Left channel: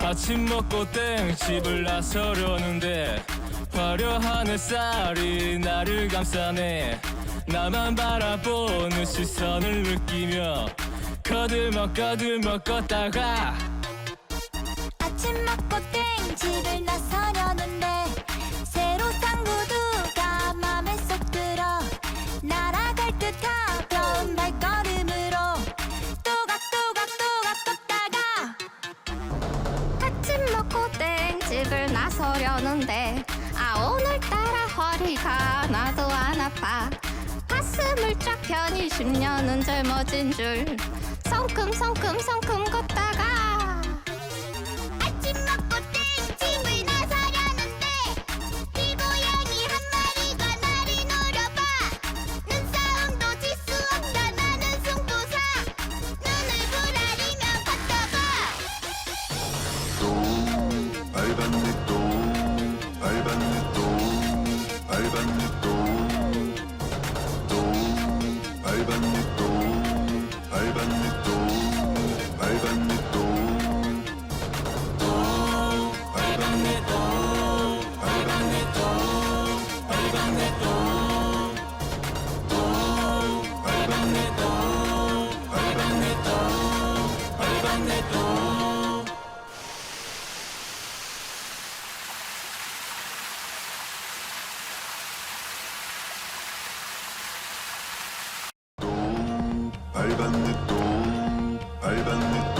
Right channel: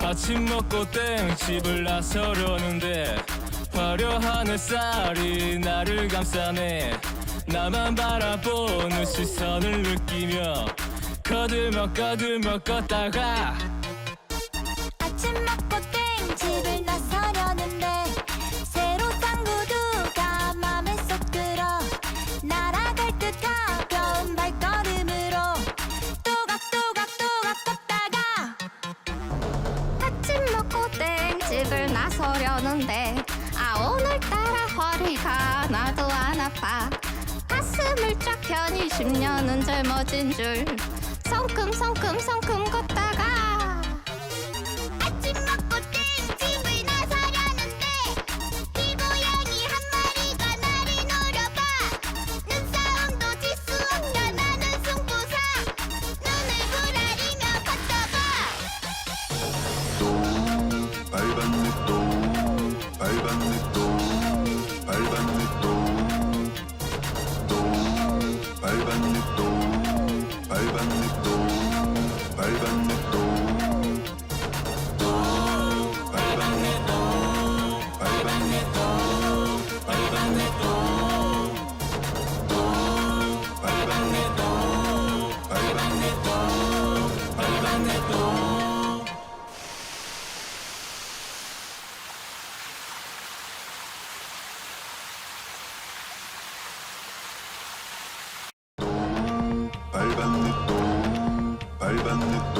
아침 먹고 땡 집을 나서려는데 화려한 햇살이 나를 감싸네 나만 바라보는 시선을 느끼며 거들먹 거들먹 걷다가 아침 먹고 땡 집을 흙을 나서려는데 아 오늘따라 허리가 나도 안 아파 가슴을 쫙 편히 10년은 젊어진 줄 성큼성큼성큼 걷 Öl benden. Öl